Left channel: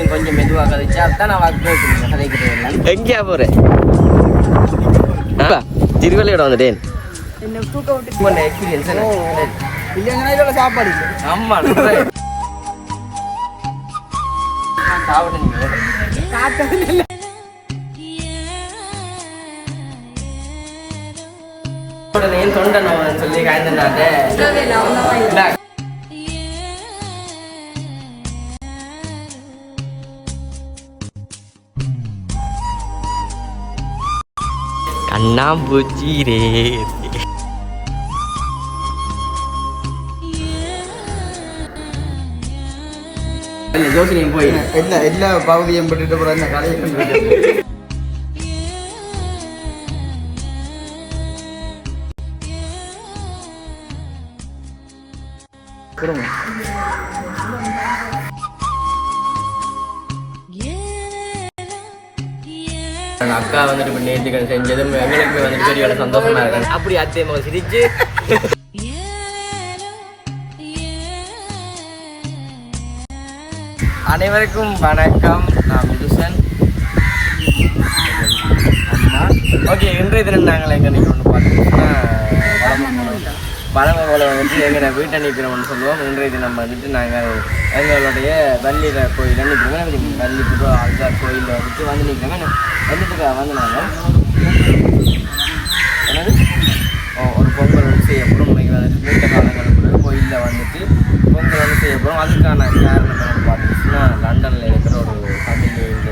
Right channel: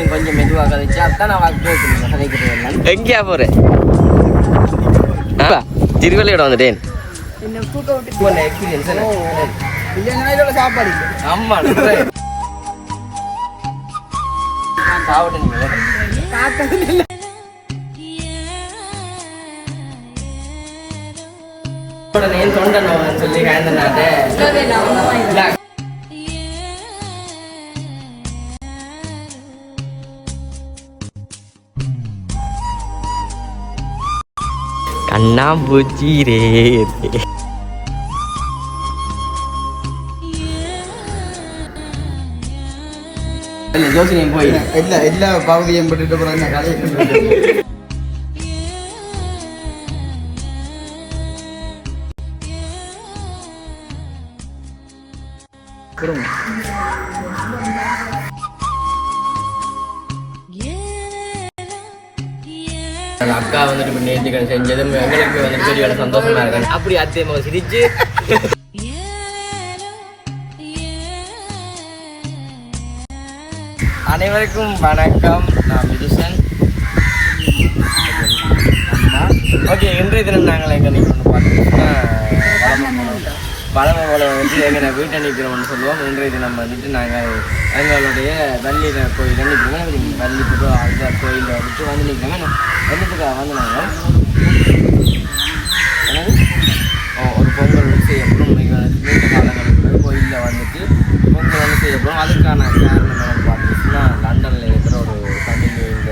இன்னும் கொஞ்சம் மெதுவாக கதைச்சா தான் நான் கேட்கணும் கதைக்கிறேன் எங்கேயா போற? திருவள்ளியோட வந்துட்டேன். எக்ஸ்பீரியன்ஸ் சாப்பாடு ஆமா தொண்டை நான் சொல்லி காய்ந்தனாட்ட கண்ணாம்பூச்சி ரே ஜோசினியம் போய். எல்லா எல்லா பகுதியும் பட்டுட்டு போற என்ன கடையை அந்த அக்கா வந்துட்டு இப்போ நேர்த்திக்கடன் செஞ்சது எங்களுக்கு வந்துட்டு பெரிய சந்தோஷமா இருக்கு. அப்படி அத்தியமாக சிரிச்சு. அனைவருக்கும் வணக்கம். நான் விதுசன் ஓகே இன்றைய தினம் நாங்கள் எங்கே ஒன்று பார்த்தீங்கன்னா பழமை போல வந்துட்டு எங்கள் வீட்டை நிற்கிறோம்னு சொல்லுவோம். இன்றைய தினம் வந்துட்டு நாங்கள் எங்களுடைய வள்ளி கோயில் நிற்கிறோம் போய் அந்த கோயிலில் வந்துட்டு வந்து நிற்கிறோம் என்னத்துக்கு வாங்கினாங்க நாங்கள் என்னது ஓ, ஒரு பொங்கல் வந்து செய்யப்படும் நீண்ட காலங்களுக்கு கோயிலில் வந்துட்டு பொங்கல் வந்து செய்யப்படும் அதுக்கான காரணம் என்னன்னு பார்த்தீங்கன்னா லண்டனில் இருக்கிற ஒரு தமிழ் இந்த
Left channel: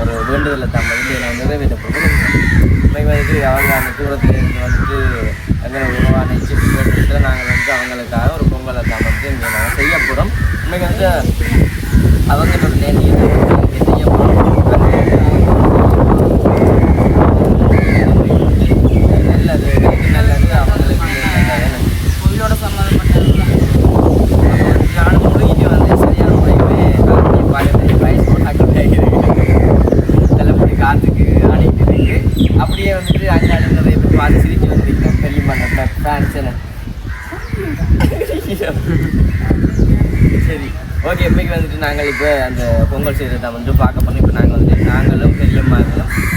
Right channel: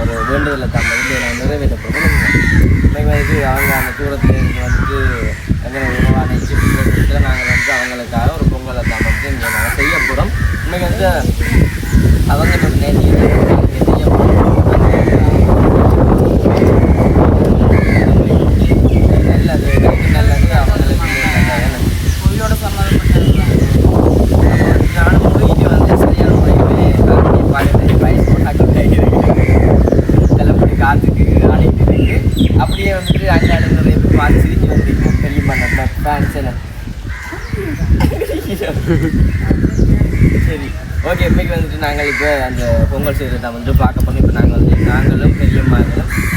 ஒரு வேண்டுதலை தான் வந்து நிறைவேற்றப்படும் இன்னைக்கு வந்து அவங்க அந்த தூரத்தில் இருந்து வந்துட்டு எங்களை உருவான சிட்டு நாங்கள் வந்து அவங்களுக்காக ஒரு பொங்கலை தான் வந்து இங்கே நாங்கள் செய்ய போகிறோம் இன்னைக்கு வந்து அவங்க நேற்று செய்ய நல்லது நல்லது அவங்களுக்கு நல்லது உங்களோட சம்மந்தப்பட்ட நானும் போயிட்டு வந்து சரியான முறையிலே பாடத்துக்கு வயசு கொண்டாட்டு செல்லப்படி காத்துக்கு அழைக்கிறது அப்படியே வந்துட்டு அங்கே அடுத்த பார்த்து சிரிக்க வந்துருக்கோம் தெரியுமா நம்ம ஃபேன்ஸ் சரி. ஓகே இன்னைக்கு வந்துட்டு நாங்கள் இப்போ அந்த பொங்கல் செய்தி வந்து பார்க்க பண்ணி இப்போ நாங்கள் வந்து நாங்களும் பெரியம்மா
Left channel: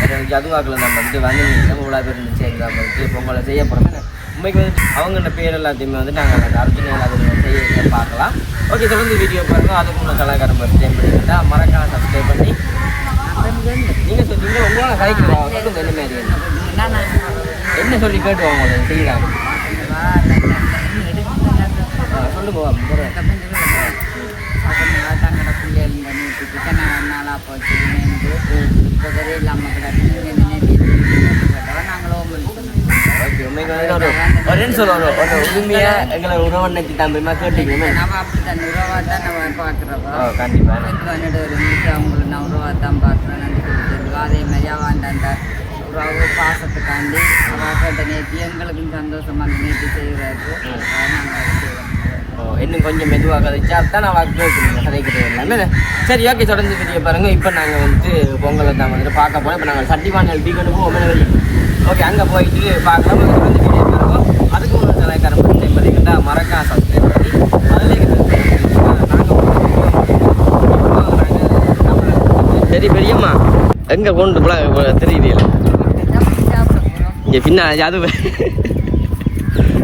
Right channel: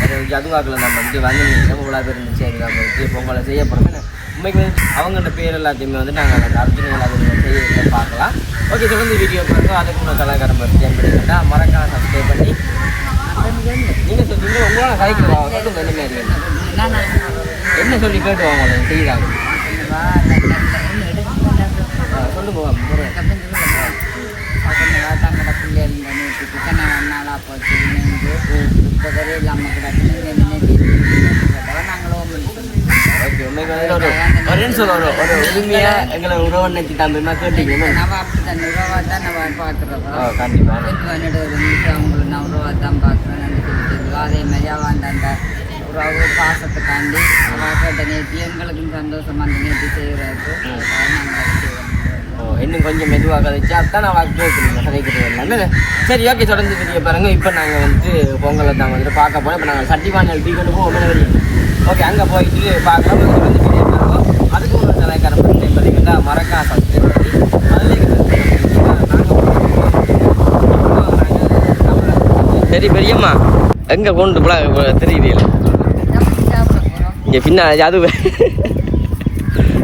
எங்களுக்கு அதுவாக்கில் நம்ம வந்து வந்து இவ்வளோ பேர் இருந்துச்சு அது நம்ம வந்து பொங்கலை செய்ய போகிறோம் உண்மைக்கு வந்து அவங்களோட பேர் எல்லாத்தையுமே வந்து நாங்கள் அந்த அர்ஜுன எல்லாத்தையும் செய்ய பார்க்கலாம். ஓகே தொடர்ந்து வீடியோ பாருங்கள் அதுக்கு உள்ள கலாக்காரம் பற்றி பண்ணிக்கிட்டா மறக்காம சப்ஸ்கிரைப் பண்ணி நீங்கள் சொல்லுங்கள் உங்களால் கைக்கு என்ன சொல்லி பேசுவாங்க செய்யலாம் சொல்லு போவோம் போகிறேன் ஓகே உண்மைக்கு வந்து ஒரு ஒரு நிமிஷம் ஒரு ஒரு உரிமையா எங்களை உறவு நினைச்சு தம்பி கேட்டீங்க ஆ கண்டிப்பாக அதே மாதிரி அவன் அந்த உறவு பாசத்துக்காண்டி கேட்ட நேர்த்தி எங்களுக்கும் சந்தோஷமா அந்த நேர்த்தி செய்கிறாரு நாங்கள் இன்னும் கொஞ்சம் மெதுவாக கதைச்சா தான் நான் வாக்கு கேட்கணும் கதைக்கிறேன் எல்லாமே சரி ஓகே தொடர்ந்து வீடியோ பாருங்க. இப்போ நாங்கள் வந்து பொங்கலை தான் வந்து பார்க்க போனோம் இப்போ நாங்கள் சட்டிவானல் டீ கட்டுவோம் ஓகே அங்கே போயிட்டு பார்க்கலாம். வந்து வந்து வீடியோ பாருவோம் அதுக்கு ஒரு கலைக்காரன் பற்றி பண்ணிக்கிட்டா மறக்கா சப்ஸ்கிரைப் பண்ணி அதில் சரி பெரியம்மா எங்க கொண்டு போல தெரியுறீங்களா இங்க பின்னாடி அது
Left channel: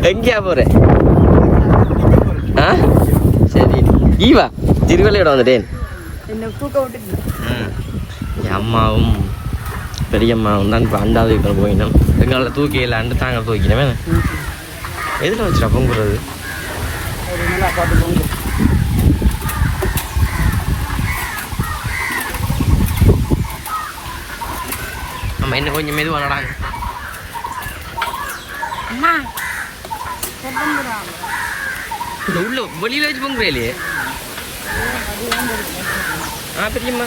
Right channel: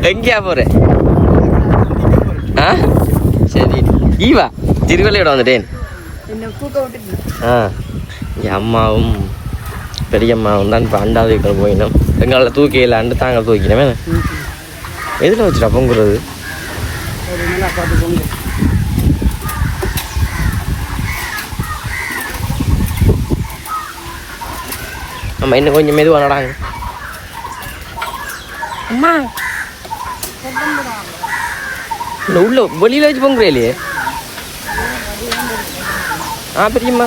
எங்கேயா போற? ஆ? சரி. ஈவா திருவள்ளியோட வந்துட்டேன். ஆ. என் அம்மாவும் பெரியம்மாவும் தான் இப்போ அண்டாவது வீட்டில் போயினோம் எங்களை தூக்கிலாண்டு தாங்க தூக்கினோமே. எதில் வச்சுட்டா பொங்குறது? நம்ம இன்னும் கொஞ்சம் மெதுவாக நடாங்க. அம்மா இந்த உள்ள வெளியில வச்சு பொங்குறே இல்லையே ஆ தெரியுமா?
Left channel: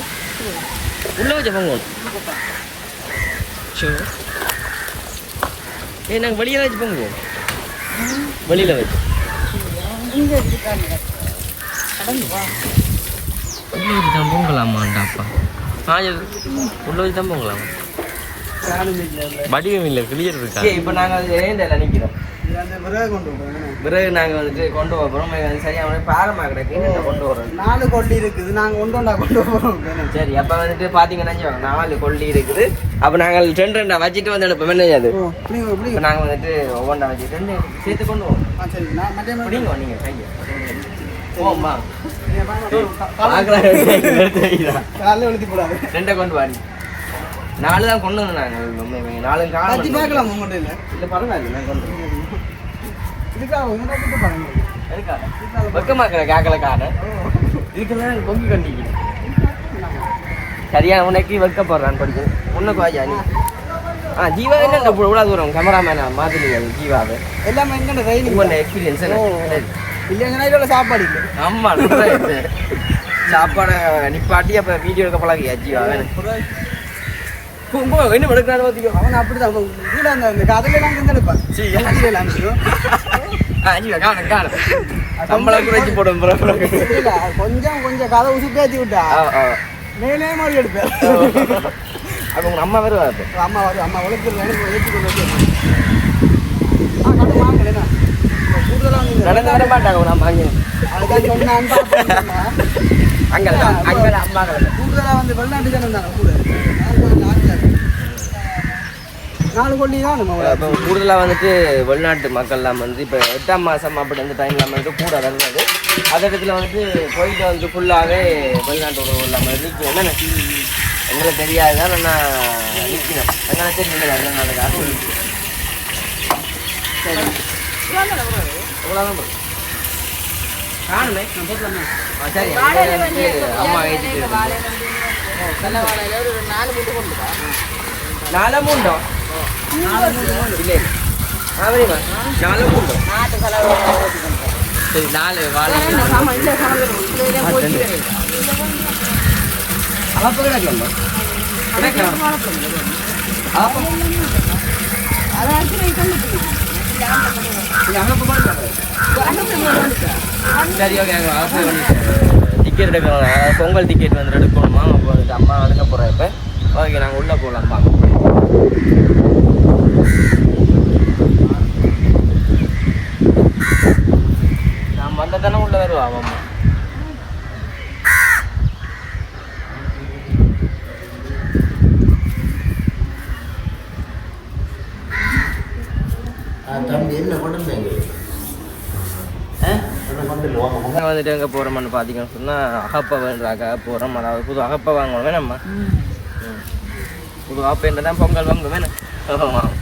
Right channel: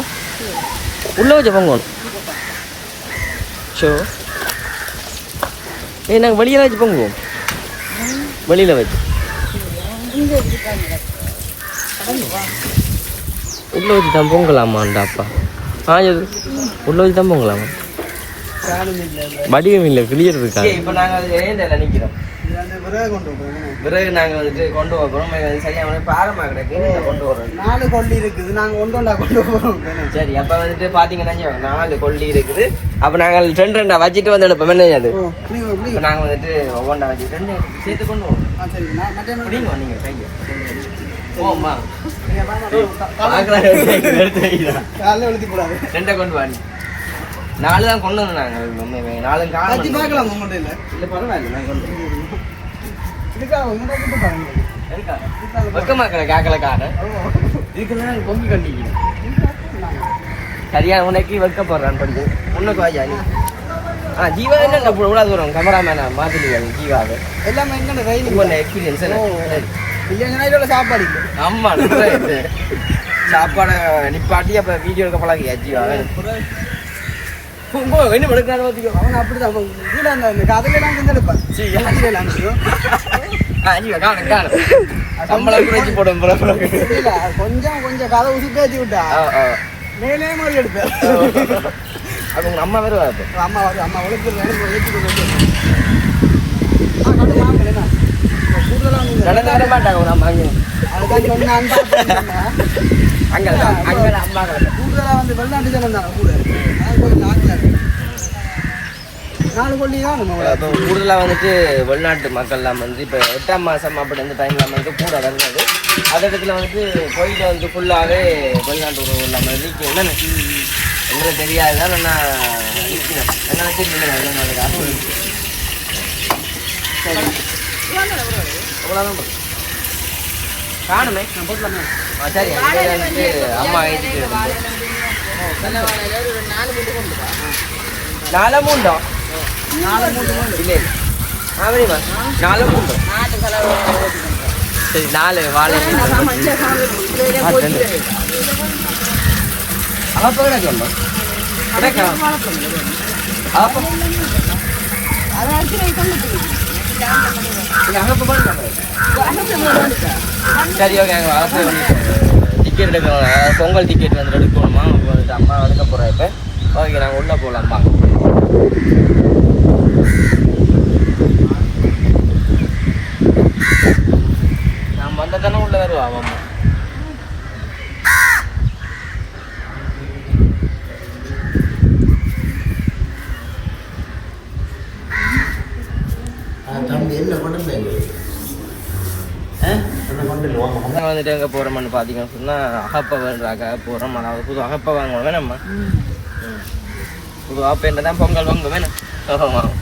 உள்ள வச்சு பொங்குவோம் ஷோ ஏ நாங்கள் வெளியில வச்சு பொங்குவோம் வெளியில வச்சு. உள்ள வச்சு தான் பொங்கலாமாண்டாப்பா ஆ இது உள்ள வச்சு தான் பொங்கலாமா? வடிவம் இல்லை கிளியர் இருக்கா? இப்போ நாங்கள் ஏன் நிற்கிறோம் பிறகு நாங்க வந்துட்டு கொண்டு போறோம். இது சரியான பாரமா கிடக்கு. கொண்டு வரோம் நாலு கொல்லி இருக்குது. நாங்க கொண்டு வந்தா கொண்டு போறோம் சரி அப்ப வந்துட்டு பாத்தீங்கன்னா நாலு கொல்லி இருக்குது. அப்ப நாங்க ரெண்டு ரெண்டா வச்சுட்டு வந்து எடுப்போம். என்ன அது இப்ப நாங்க வந்துட்டு ஒவ்வொன்றா வச்சுட்டு வந்து சேர்த்து கொண்டு போவோம் வாங்க, ரெண்டை கொண்டு வாடி நாலு தான் கொண்டு வந்தோம் நாங்க. உண்மையுமே. நாலு காணும். கேட்கலாம் உங்கள்ட்ட இல்ல? இல்ல பரவாயில்ல நான் கொண்டு. இதுக்காக? வெக்கமா இருக்கிற காக்கல காடை? இதுக்கெல்லாம் கொக்கி கண்டிக்கு சரியா உனக்கு வெக்கப்படுறான் படிச்சு உனக்கு வாஜா நீ? ஆ ஜீவா என்ன இந்த இவ்வளோ தூரம்? கேமராமேனா மாத்தினீங்க ஜீவாவை. எல்லாமே எங்க ரயில் உங்களோட எக்ஸ்பீரியன்ஸ் இல்லைங்கன்னா சாப்பாடு இல்லை. ஆமா நல்லா இருக்கு. சாப்பாடை நிப்பாட்டி அப்ப வீடியோ எடுக்க பழகியா ஜீவாவை என்ன எடுக்கிறாரு பாத்தீங்க அவன் அப்படிதான் அவன் வந்து கதையெல்லாம் சீ, அமைச்சிடும் ஆ, காணும் காணும் சம்பளம் குறைச்சி போடும் கொஞ்சம் கொஞ்சம் கதை ஊசி பேத்தி விட்டா ஆ, மாதிரி எடுப்பேன் அது உங்க அம்மா வேறு வருது அம்மா வரும் அம்மா உழைக்கிறது எனக்கு கொண்டு மாட்டாங்க ஒரு அங்கே அங்கே அங்கே அம்மா கிடக்கு. வந்து வெளிநாட்டு ஜனம் கூட. நாலு கோடி தான் இப்போ கூடுதலாக வந்துட்டு வெளிநாட்டு மக்கள்லாம் வந்து இப்போ எட்டாம் மாதம் அப்படி அந்த டைம்லாம் வந்து கூட வந்தது. அந்த இடத்துல வந்துட்டு கோயிலில் வந்து ஃபுல்லாகவே வெளிநாட்டு உணவு இல்லாமல் இருக்கு. என்னென்ன எங்களுக்கு தெரியாதுதான் நான் இருக்கணும் எங்களுக்கு தெரியல நல்ல நாளைக்கு ஆசை சரி. அவ்வளோதான் காணுமே நான் போட்டலாமே சரி அங்கே வந்துட்டு அம்மா ஏற்றிட்டு இருந்து ஒரு நாலு வீட்டு கொண்டு வா. நாலு மூண்டோ இல்லை நாலு மூண்டோ நாட்டு கலவை ஓட்டிக்கணும். நாலு அப்போ கிடக்கலாமா கிடக்கலாம் அங்கே போய் சரி ஓகே அங்கே அவசரம் பண்ணிட்டு டிக்கெட் எடுக்கணும் அதாவது பொங்கல் டிக்கெட் வந்து எடுக்கணுமா அப்போ வந்து அம்மா எடுக்க போகிறேன் இப்போ ஓகே நாங்கள் உள்ளே போகலாம்மா நான் வந்த தானே உள்ள வருவா அம்மா அதான் வந்துட்டு எங்கே போகிறோம்னு பார்த்தீங்கன்னு சொன்னால் அகப்பவன்றாக போகிறோம் அதாவது புது அகப்பை வாங்கணும் வேணாம்மா புது ஆப்பேன்ற தான் பொங்கல் வாங்க வேணும் ஆமாம்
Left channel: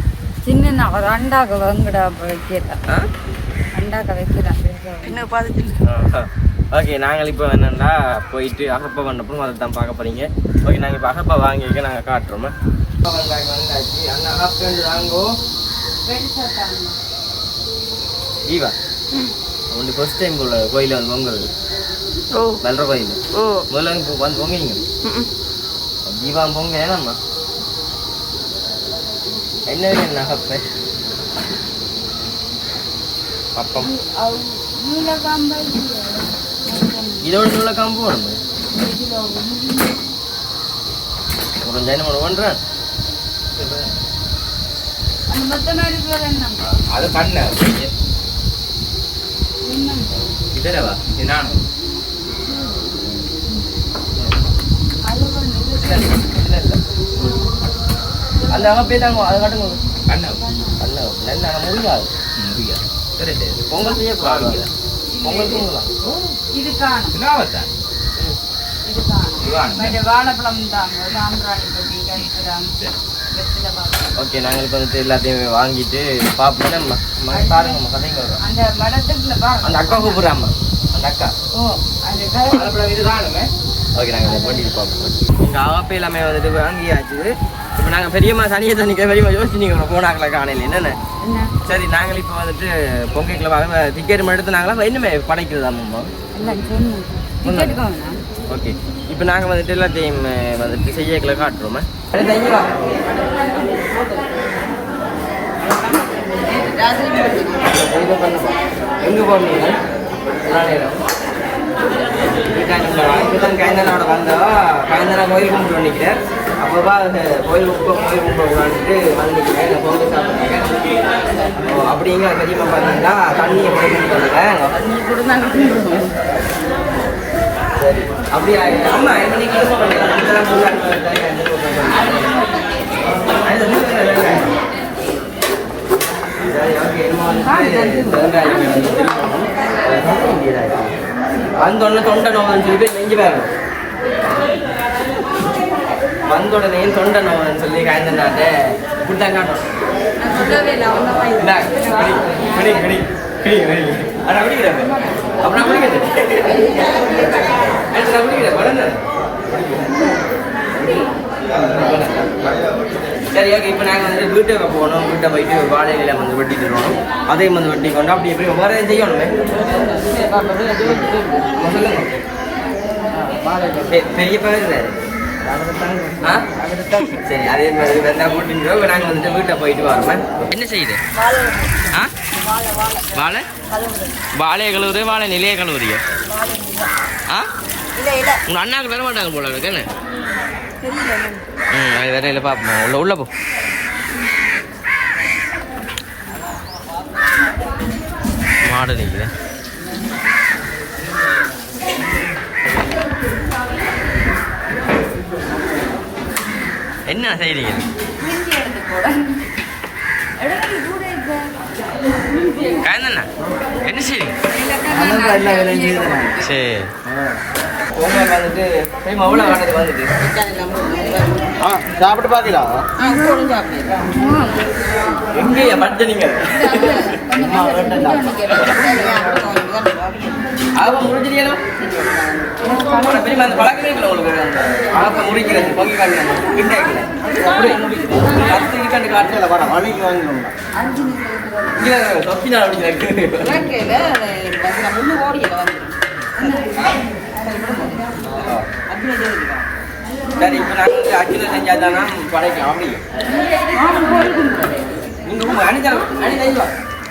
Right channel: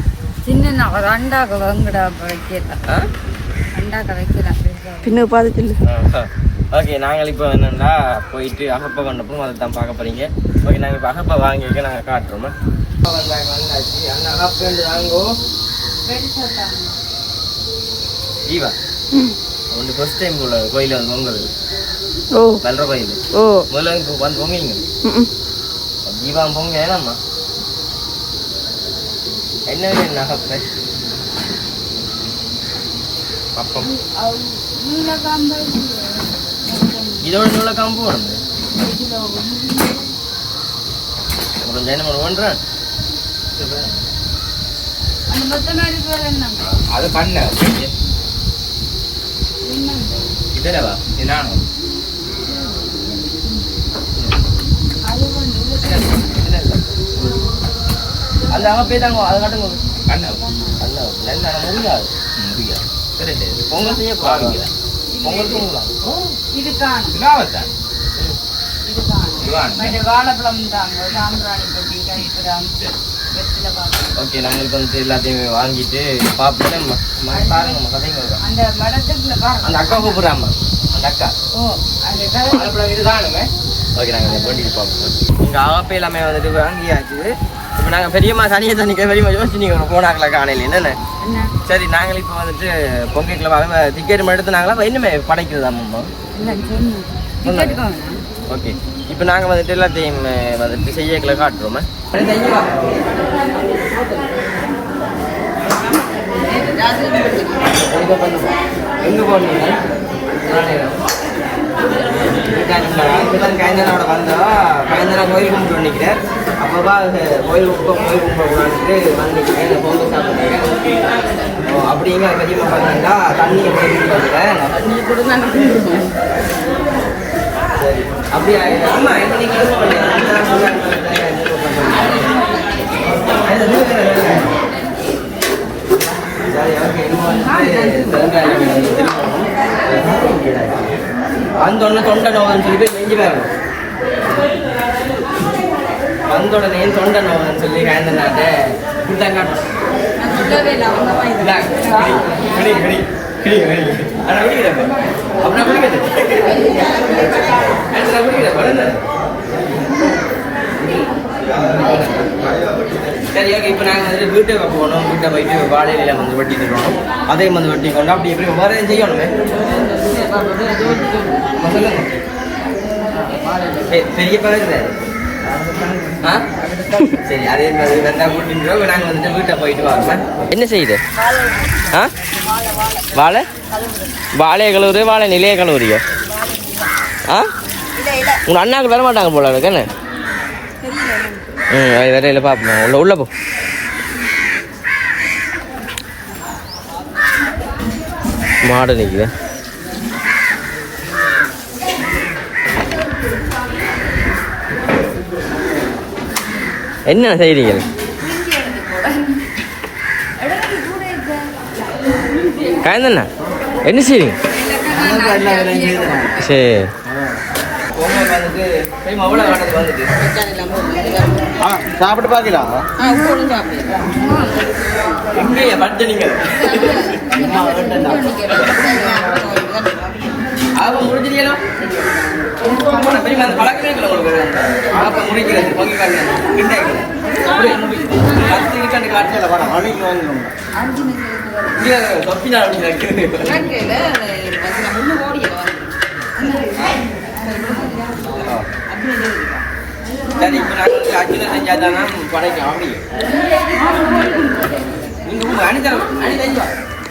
சின்ன அண்டாக்கு வாங்கிடா வைக்கிறேன் பின்ன பார்த்துட்டு ஓகே நாங்கள் இப்போ என்னென்னா போயிட்டு அகப்பை வந்தப்பறம் அதை தான் பார்க்க போகிறீங்க ஓகே நாங்கள் இப்போ அகப்பை வாங்கியிருக்க நாங்கள் காட்டுறோம்? வந்தாச்சு அண்ணா அகப்பை வந்து வாங்கோ ஜீவா. ஒன்று ஃபர்ஸ்ட் டைம் உள்ள கோயில் வந்து பொங்குறது ஓ. கல்ற கோயில். ஓ. முதல்ல வந்து வந்து பொங்கிங்க ஜீவா பொங்க ஏதாம்மா என்ன வேணும் அகப்பை பப்பம் இதோட எவ்வளோ காம்பு வேணும். ஒரு ஜனம் என்ன அது பண்ண. இதுலவா என்ன அந்த அவன் போய் தாங்க அதை காட்டுங்க பண்ண பண்ண நல்ல முடியாது முடியாது பொங்கல் செய்ய கூடாது பொங்கல் பொங்கலாம் ஓகே நாங்கள் வந்துட்டு எல்லாத்தையும் வாங்கிட்டு பார்ப்போம் நம்ம பாருங்கம்மா கதைங்க வரும். அந்த மடத்துக்குள்ள அந்த அக்கா கூப்பிடுறாம்மா அந்த அக்கா ஓ அந்த இதுதானுமே ஓகே நாங்கள் இதை பண்ணிட்டு பார்ப்போம் எங்கள் ஆப்பே எல்லாமே வந்துட்டு வாங்கியாச்சு இப்போ நாங்கள் பெரியம்மா சனியை தண்ணிக்க பெரியம்மா யோசிச்சு நீங்கள் போனாங்களா காணையில் என்னென்ன என்ன சரி நாங்கள் இப்போ வந்துட்டு பொங்கல் வாங்க டிக்கெட் எடுத்து நாங்களா இன்னுமே படைக்கிறதா அம்மா ஓகே. இப்போ நாங்கள் வந்துட்டு எல்லாத்தையும் வந்துட்டு செய்யக்கல காட்டுறோமே? எங்கே போனீங்க? கைந்தனோட கயந்தனோட கைந்தனா கோயில் கும்பிட்டு நிற்கிறேன் அப்பப்பா கோயில் குப்பை கோயில் குப்பை கூடாதுட்டு வந்து நிற்கிறேன் பொங்கல் சாப்பிட்றாங்க அப்படிங்க பெரியம்மா பார்த்தீங்கன்னா தண்ணியை போய் குடிக்கிறேன் நீ கூட நாங்கள் கும்பிடுவோம் சரி அப்படியா? ஆமா திரும்பணும் வந்தோடனே தொண்டை நோவுன்னு சொல்லி போய் நெஞ்சு பாருங்க வந்தோடனே தொண்டை நோவுன்னு சொல்லி காய்ந்தனாக்க கொடுத்தாங்க நான் சொல்லவே இல்லை இப்போ நாங்கள் வந்துட்டு வீட்டுக்கு போகணும். வீட்டை போயிட்டு வாழையில வந்து வெட்டி தருவோம் அதையும் வந்து வெட்டி கொண்டு அப்படி எப்படி வேறு செய்யணுமே? சொல்லுங்க. பெரிய பழகு சரி அதே மாதிரி வந்தால் கூட்டிட்டு நாங்கள் வந்துட்டு வீட்டை போயிட்டு வரோம் என்ன செய்யுது? ஆ? வாழை? வாழையை கழுவுது வாழை நிலைய கழுவுறியோ ஆ? உங்கள் அண்ணாக்கு வர மாட்டாங்க போல இருக்கு என்ன? ம் அது வேற இல்லை பார்ப்போம் உள்ள உள்ளே போ. மாடு நிற்குது என்ன செய்றீங்க? காயந்தண்ணா என்ன செய்றீங்க? சரி. அவ்வளோ வந்துட்டு சாப்பிட்டு எப்படி அவங்க முடிஞ்சிருக்கீங்களா பெரியமா அந்த பழக்கமே இல்லை உங்களுக்கு அப்போ முடிக்கிறது பொங்கி பத்து இருக்காண்டு காட்டில் படம் மணிக்கு வாங்கிக்கணும் இல்லை சரி இப்போ நாங்கள் அச்சுல செஞ்சால் தானே படைக்கலாம் அப்படி நீங்கள் உங்கள் அணிதரம் அணி தைவா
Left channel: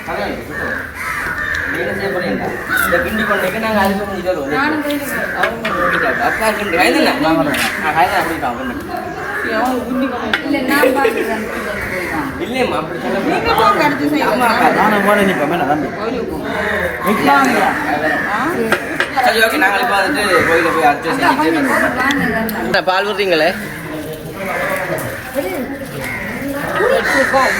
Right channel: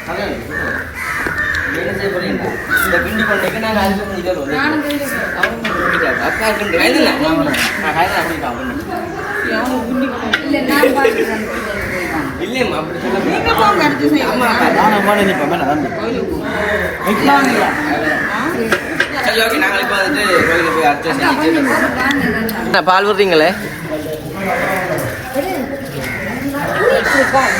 அதான் என்ன செய்ய போறீங்க இந்த கிண்டி கொண்டைக்கு நாங்கள் அரிசி செஞ்சு தருவோம் அக்கா கிண்டி கைதில் அப்படி இல்லை நான் இல்லையம்மா அப்படி சொல்லக்கூடாது அம்மா அக்கா நானும் சரி ஓகே பால்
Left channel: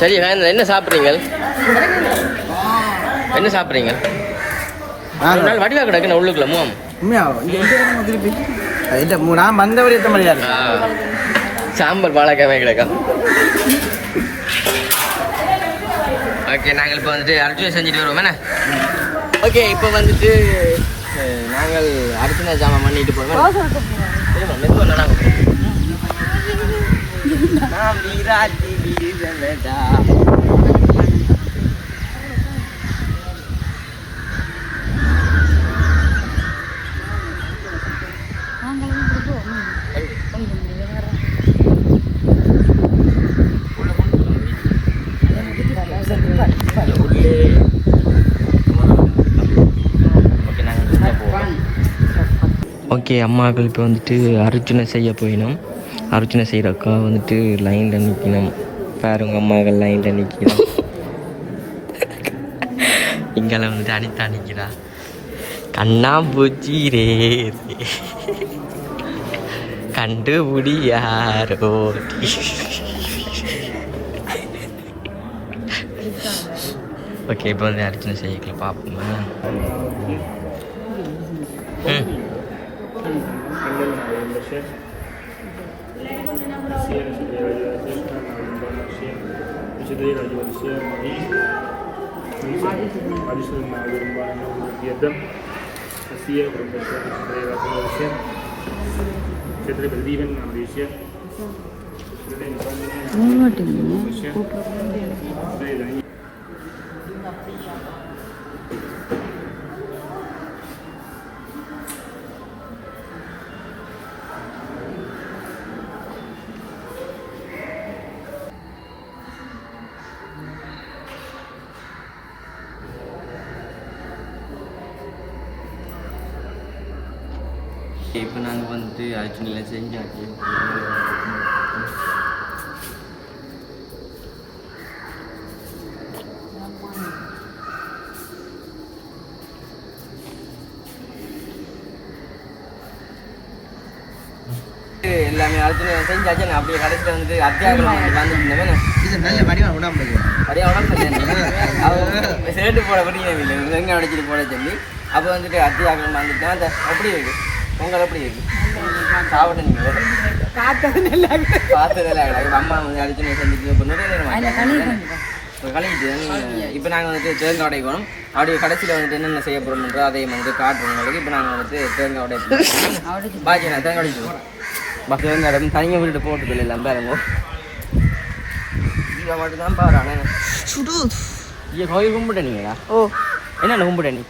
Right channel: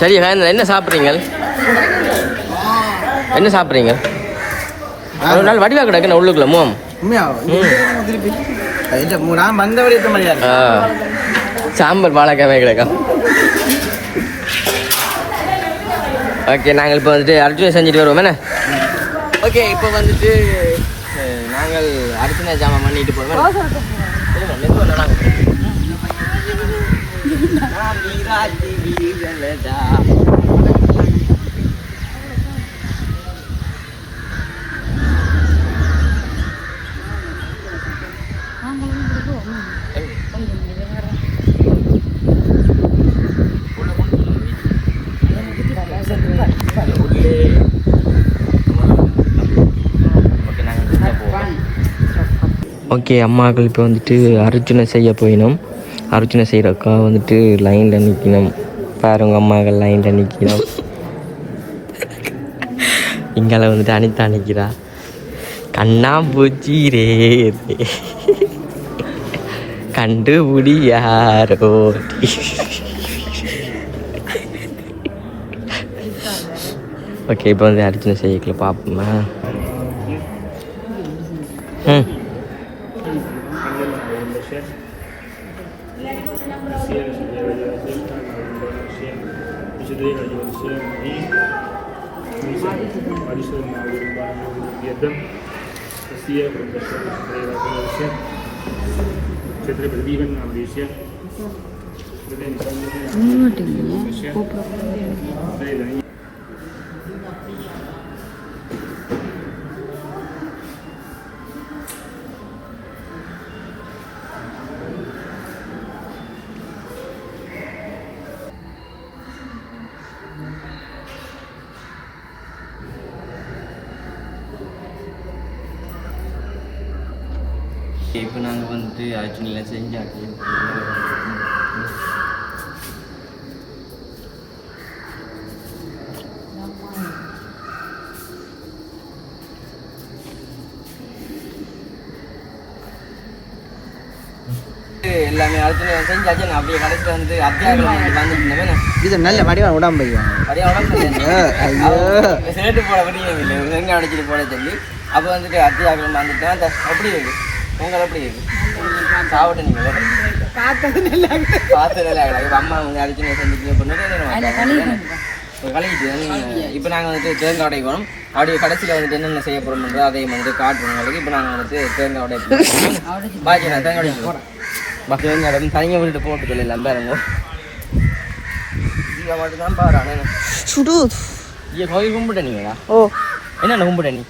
சரி என்ன சாப்பிட்றீங்க? என்ன சாப்பிட்றீங்க? ஒரு நாள் வடிவா கிடக்கு உள்ளுக்குள்ள மோம் இல்லை மூணா மந்த ஆ. சாம்பார் வாழைக்காய் கிடக்கா ஓகே நாங்கள் இப்போ வந்துட்டு அர்ஜுனை செஞ்சுட்டு வருவோம். என்ன? ஓகே இப்போ வந்துட்டு நாங்கள் அர்ஜுனா ஜாமான் பண்ணிட்டு போவோம். மெதுவாக ஓகே அம்மாக்கள் இப்போ வந்துட்டு அர்ச்சனை செய்ய போயினோம். அர்ச்சனை செய்கிற அக்கா வந்துட்டு லைனில் நிற்கணும் பாருங்க அம்மாக்கள் லைனில் நிற்கணும் இங்கால வந்துட்டு அனிதா நிற்கிறா கண்ணா பூச்சி ரே ரே. கண்டுபிடி யாரோ ஓகே இப்போ வந்து அர்ச்சனை செய்யக்கல பார்ப்போமா Lebron. Ha sido por un de la Se trepa el viven en la Un minuto, ¿no? அர்ஜுனில் செஞ்சாச்சு எல்லாமே செஞ்சாச்சு. நான் அப்படியே கடைசியில் வந்து அத்தியாகம் வந்துட்டு இது நல்ல வடிவம் உடம்பு அப்படியே உடம்பு சேர்த்து போட முடியும் இல்லை. வெங்காயம் அடிச்சிட்டு போட சொல்லி அப்போ வந்துட்டு அத்தியாகம் வந்துட்டு அந்த எப்படி இருக்கு? உங்களை எப்படி இருக்கு? சாப்பிட்டு நீங்கள் பார்த்து நல்லா கிடக்கு அம்மா வந்து அடிச்சு செஞ்சுட்டு இப்போ இப்போ கழுவிட்டு இப்போ நாங்கள் வந்துட்டு தேங்காய் உடைக்கணும் அப்படியே கடைசியில் வந்துட்டு என்னென்ன செய்ய போகிறோம்ன்றோ அதை வந்துட்டு காட்டுறோம் உங்களுக்கு இப்போ நாங்கள் வந்துட்டு தேங்காய் உடைப்போம் பாக்கி நான் தேங்காய் உடைக்கிறோம் பஸ் தேங்காய் தனியாக விட்டுட்டு போட்டதில்லை எல்லாம் பாருங்க இவன் மட்டும்தான் பாரு அண்ணன். சுடு. ஐயா கோயில் கும்பிட்ட நீங்களா ஓ. என்னென்ன கும்பிட்ட நீ?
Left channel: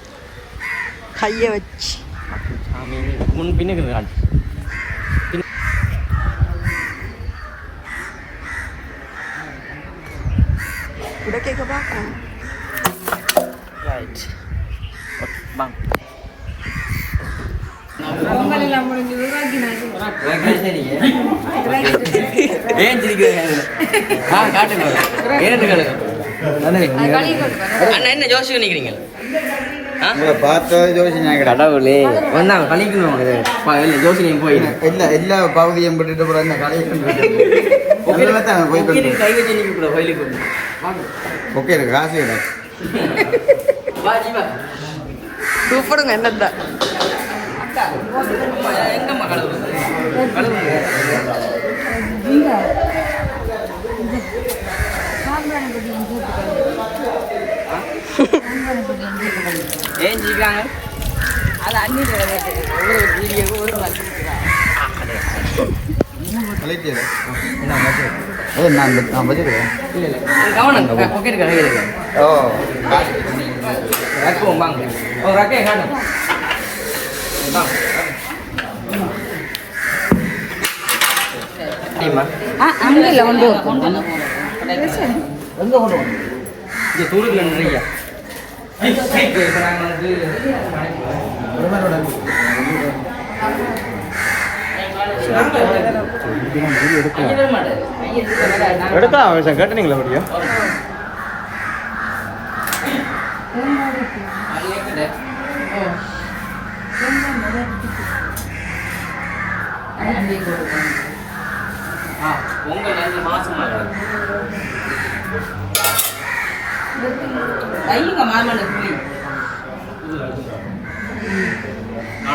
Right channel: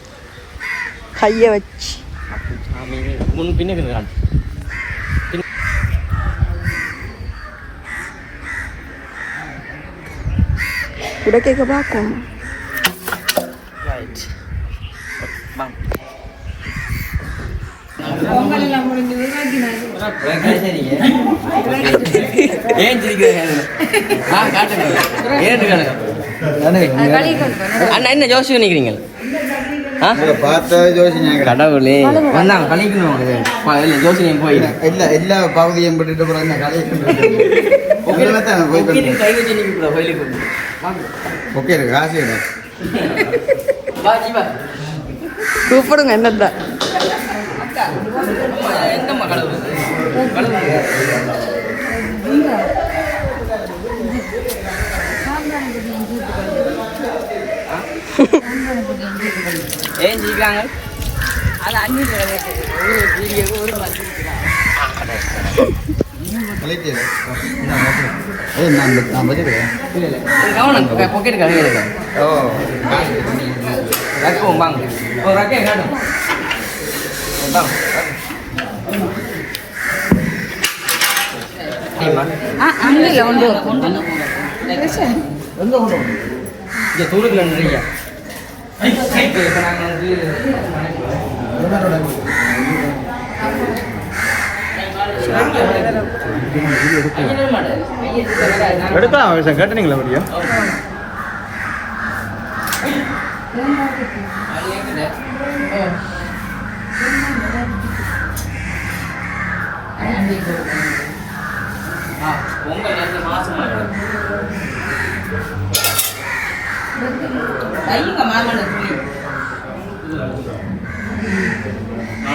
கையை வச்சு. அப்போ சாமி முன் பின்னுக்கு காட்டு பார்க்கும் ரைட் வா ஏன் சிரிக்கிறீங்க காட்டுங்க ஏன் அண்ணா என்ன யோசிச்சு நினைக்கிறீங்க பார்த்த யோசனை கடவுளே. அண்ணா கழிக்கணும் இல்லை யோசனை போயிடும் எல்லா எல்லா பகுதியும் கடையில் தான் போயிட்டு கை வச்சு நிற்க கூட கோயிலுக்கு. ஓகே ஜீவா கூப்பிடுங்க என்னதான் கடவுள் கடவுள் ஏன் ஜீக்காங்க கலைக்கு அது நான் நான் வச்சுக்கிறேன் இல்ல இல்ல. கவனம் பொக்கெட் கடை இருக்கு. ஓ. எப்பவும் வாங்க. ஒரு ரக்கை காட்டும். எங்க கொண்டு இங்க தூரத்துல நின்னுங்க. இப்ப நாங்க வந்து ஐயா நாங்க- எடுக்கலாம் கேட்டீங்களா அப்படியா பொங்கல் ரெண்டு மாசமா இருக்கு. தையுங்க மாமனை புளி. ஆ.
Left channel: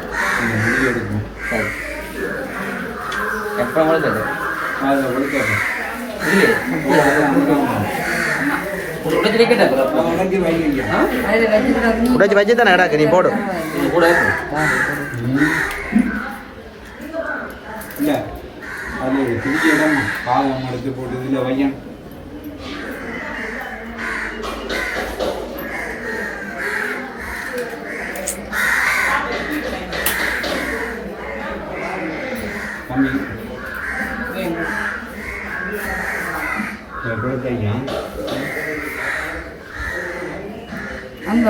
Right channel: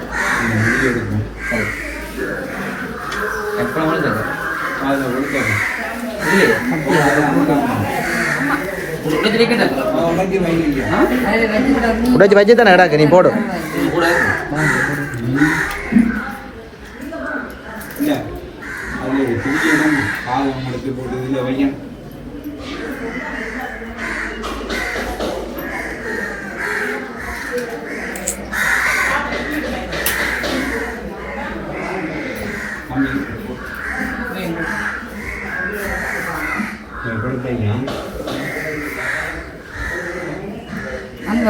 கற்பூரம் தேங்காய் மண்ணில் அடி வைக்கிறது கற்பூரம் அந்த இதில் செஞ்சாங்க உடைச்சு வச்சு தானே கிடாக்கு நீ போடு. இல்ல அதுல பிடிச்சதான் காலம் நடத்தி போட்டு இதில் வையன்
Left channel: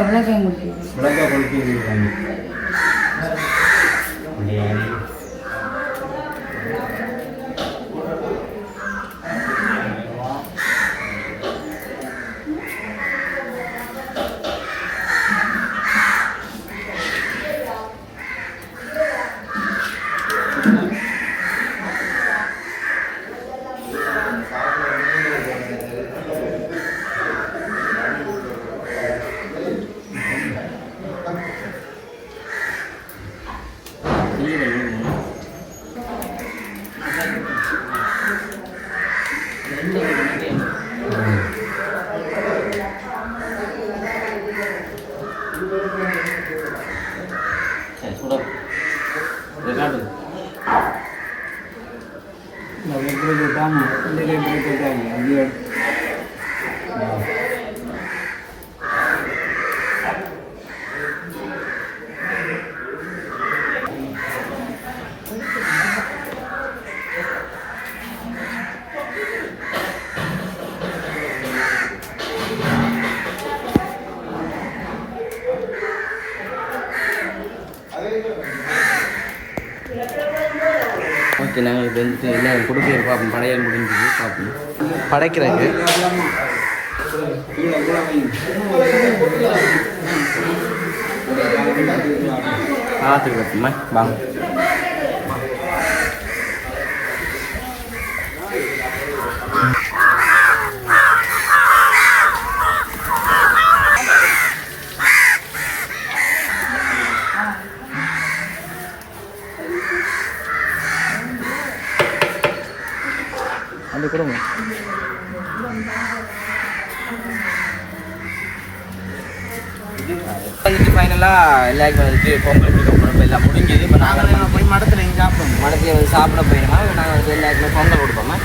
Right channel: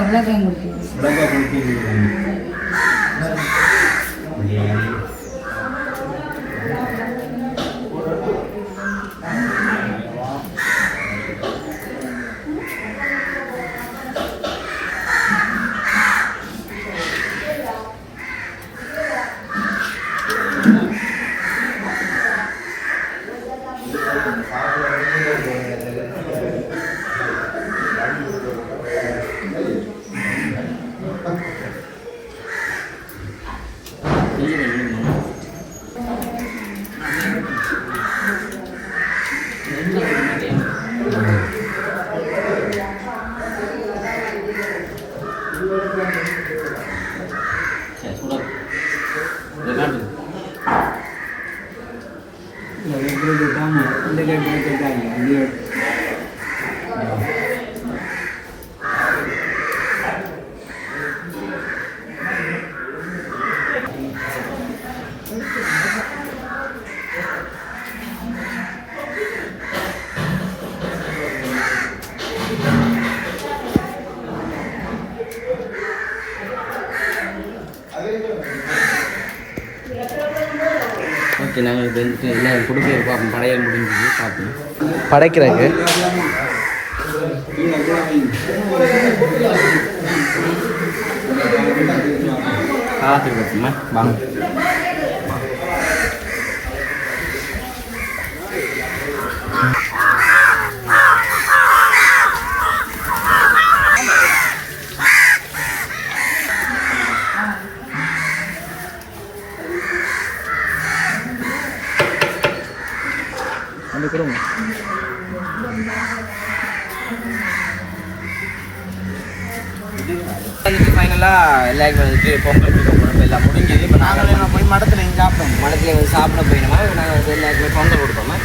அங்க விளக்கையும் முடியும் உடம்பா ஓகே நாங்கள் வந்துட்டு எல்லாம் கொடுக்க பார்ப்போம் படையல் முடிஞ்சது பார்ப்போம் படைக்கிறாங்க. பார்ப்போமா வாங்க. அந்த கொடுங்க ஃபைனலாக எல்லாருக்கும் வந்துட்டு கொடுப்போம் எல்லாம் முடிஞ்சது. இப்போ நாங்கள் போய் மடத்தில் எங்கே சாப்பிடுவோம் மடத்துல வந்து சாப்பிட போயிடுமா? நாங்கள் வந்து எல்லாருக்குமே பொங்கல் கொடுப்போமா?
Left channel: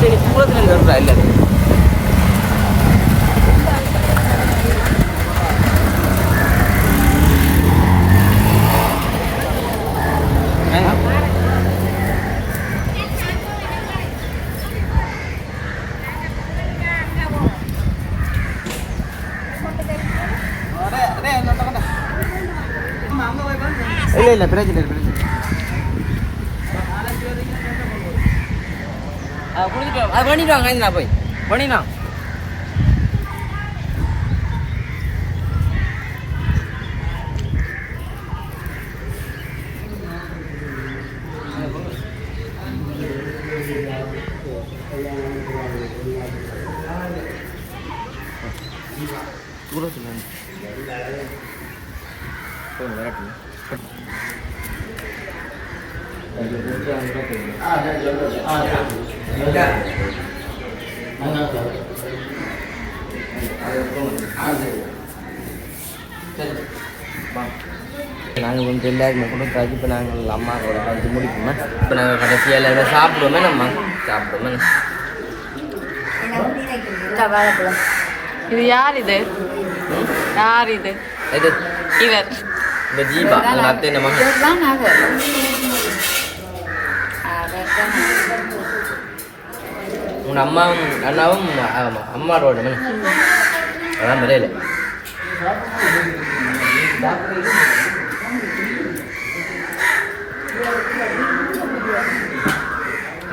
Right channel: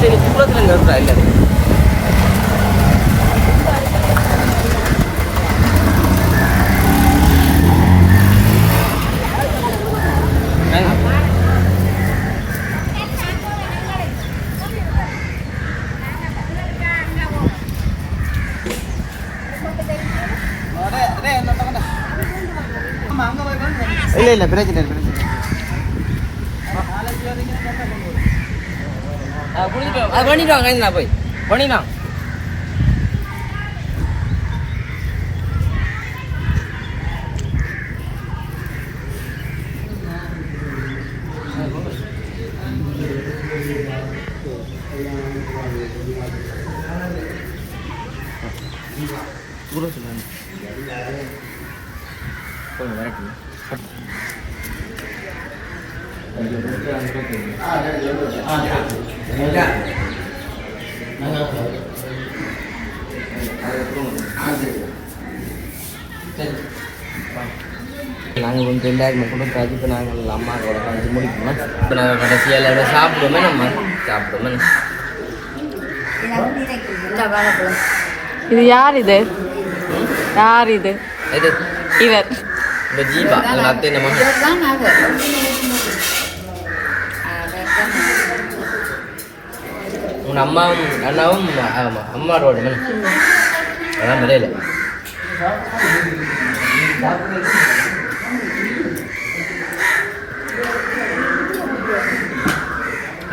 சரி தூரத்தில் இல்லை இல்லை இல்லை பிரச்சனை இல்லை. பிரச்சனை அது பண்ணிட்டாங்க நான் போய். பண்ணிட்டான் நாங்கள் வந்து எல்லாருமே கொடுத்தாச்சு இப்போ நாங்கள் அம்மாவோட கழிச்சு முடிக்கணுமா இப்போ நாங்கள் கடைசியாக எல்லாருமே சாப்பிடுவோமே நம்ம? சாப்பிடுவோமே. இது யார் இது? யார் இது? இது இவர். இந்த ஜீபா எங்கள் அத்தை நம்ம உன் அம்மாவும் அண்ணாவும் ஆமாம் அம்மாவோட மணி அதான் மலையில.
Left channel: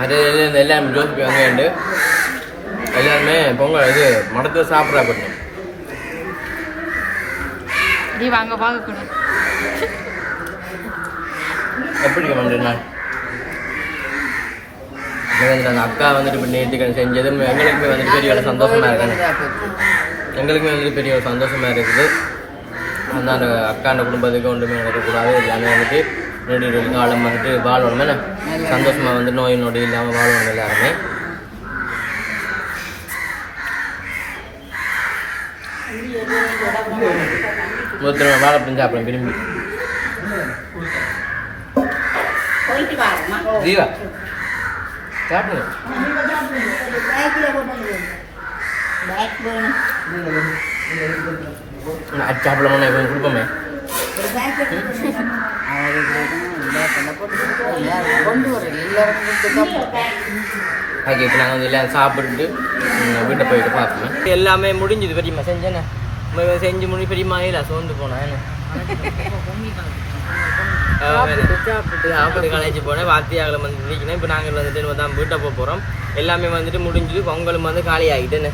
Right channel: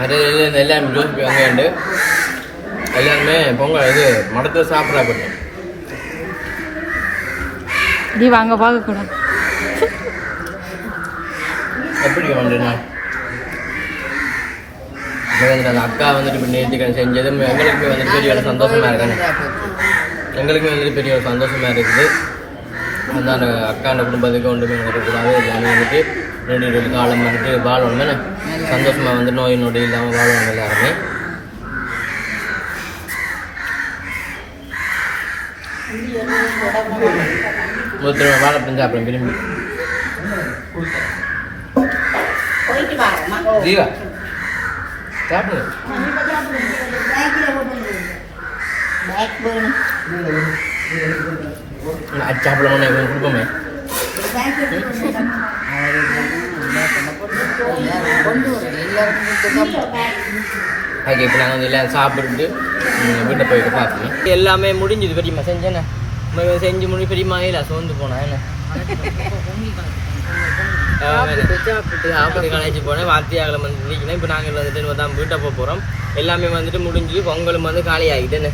அது எல்லாம் ஜோசிப்பு அங்கேண்டு எல்லாருமே பொங்கல் இது மடத்தை சாப்பிட்றா போட்டோம் நீ வாங்க பார்க்க கூடாது எப்படி பண்ணுறேன் அந்த அக்கா வந்துட்டு இப்போ நேற்றுக்கு செஞ்சது எங்களுக்கு வந்துட்டு பெரிய சந்தோஷமா இருக்கானே எங்களுக்குமே வந்துட்டு பெரிய ஒரு சந்தோஷமா இருக்குது. அந்த அந்த அக்காண்ட குடும்பத்துக்கு ஒன்றுமே நடக்கக்கூடாது. எல்லாமே வந்துட்டு ரெண்டு ரெண்டு காலம் வந்துட்டு வாழணும் தானே? சந்தோஷமா வந்து நோய் நொடி இல்லாமல் வாழணும் எல்லாருமே. ஒருத்தர் வாழைப்பழம் சாப்பிடுறேன் விரும்பி ஜீவா சாப்பிடுங்க. அது சாப்பிடலாமா இவங்க கொடுப்போமே ஓகே இப்போ நாங்கள் வந்து எல்லாம் சாப்பிட்டுட்டு ம், வீட்டை போயிட்டு பார்ப்போம் எல்லாமே முடிஞ்சது பெரியம்மா செஞ்சேண்ணே செஞ்சு முடி பெரியம்மா இல்லை சோர்ந்து போனா என்ன சாப்பிட்டு கலைச்சு போனேன் வாத்தியாகலம் வந்து இப்போ நாங்கள் வந்துட்டு தான் வீட்டை போக போகிறோம் எல்லாமே வந்துட்டு முடிஞ்சது பொங்கலும் வந்து காலி ஆகிட்டுன்னு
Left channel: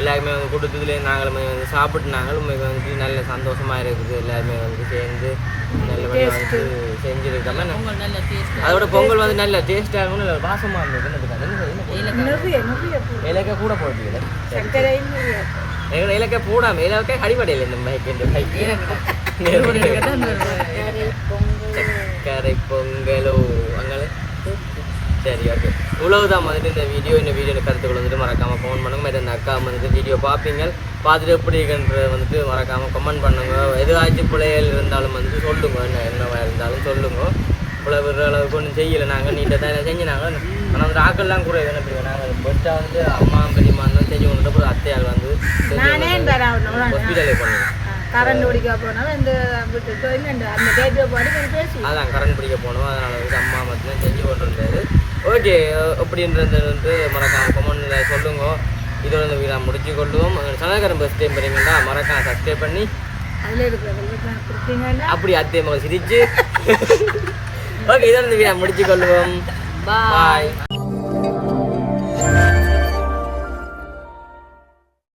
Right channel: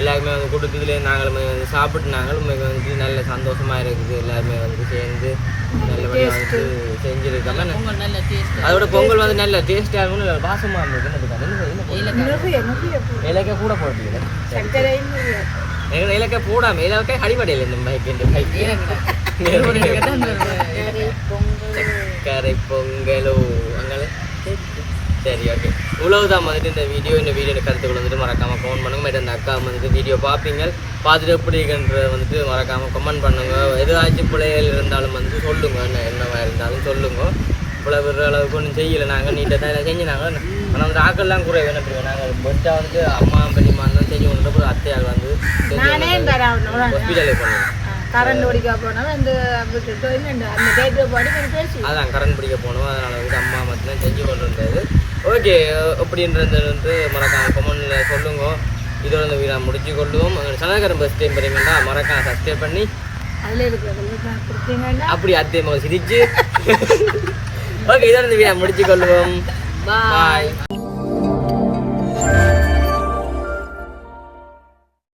எல்லாருமே வந்து கொடுத்ததுல நாங்களும் வந்து சாப்பிட்டு நாங்களும் வந்துட்டு நல்ல சந்தோஷமா இருக்குது. எல்லாருமே வந்து சேர்ந்து நல்லபடியாக வந்து செஞ்சுருக்காம அதோட பொங்கல் வந்து நல்ல டேஸ்டாக இருக்கும் நல்ல வாசமாக இருந்தது. இலக்கை கூட போடுறீங்க? எங்களை இலக்கை போடாம இலக்கை அடிப்படையில் இந்த மைக்கு கரை பொங்கலோ அங்கே சரி ஓகே உழவுதான் வந்துட்டு இந்த வீடியோ இந்த வீடியோ கருத்துக்கள் வந்துட்டு மறக்காம கமெண்ட் பண்ணுங்க. மற்ற இந்த அக்கா வந்துட்டு வீடியோ பார்ப்பீங்க. பார்த்துட்டு எப்படி இருக்குன்றத வந்துட்டு மறக்காம கமெண்ட் பண்ணுங்க. எதாச்சும் பிள்ளைகள் இருந்தாலும் வந்துட்டு சொல்லுங்க. என்ன என்னவா இருந்தாலும் சொல்லுங்க. இவ்வளோ அளவுக்கு ஒன்றும் செய்யலை. நாங்கள் நீட்டாக தான் செஞ்சினாங்க ஆனால் வந்து ஆக்கள்லாம் குறைவு என்ன பண்ணுவோம் நாங்கள் பெஸ்ட்டாக வந்துட்டு அம்மா பெரியம்மா தான் செஞ்சு கொண்டு அப்புறம் அத்தையால் வந்து ஹாஸ்பிட்டலே பண்ணுவோம் கரண்ட் ஓடிக்க போனோம் விட்டுட்டு அந்த டேட்டு பாடி கொஞ்சம் பேசி. அதான் கரண்ட் பிடிக்க போனோம். அதனால் வந்து அம்மா மட்டும்தான் செஞ்சு கொண்டு வந்தது ஓகே அப்படின்றது வந்து மறக்காம கமெண்டில் சொல்லுங்க. இதோட இந்த வீடா முடிச்சு கொள்ளுவோம் சனகரம் பஸ் டைம் வரீங்கன்னா மறக்காம சப்ஸ்கிரைப் பண்ணி அப்படி அத்தை சிரிச்சு. ஓகே இதோட இந்த வீடா முடிச்சு கொள்ளுவோம் பாய்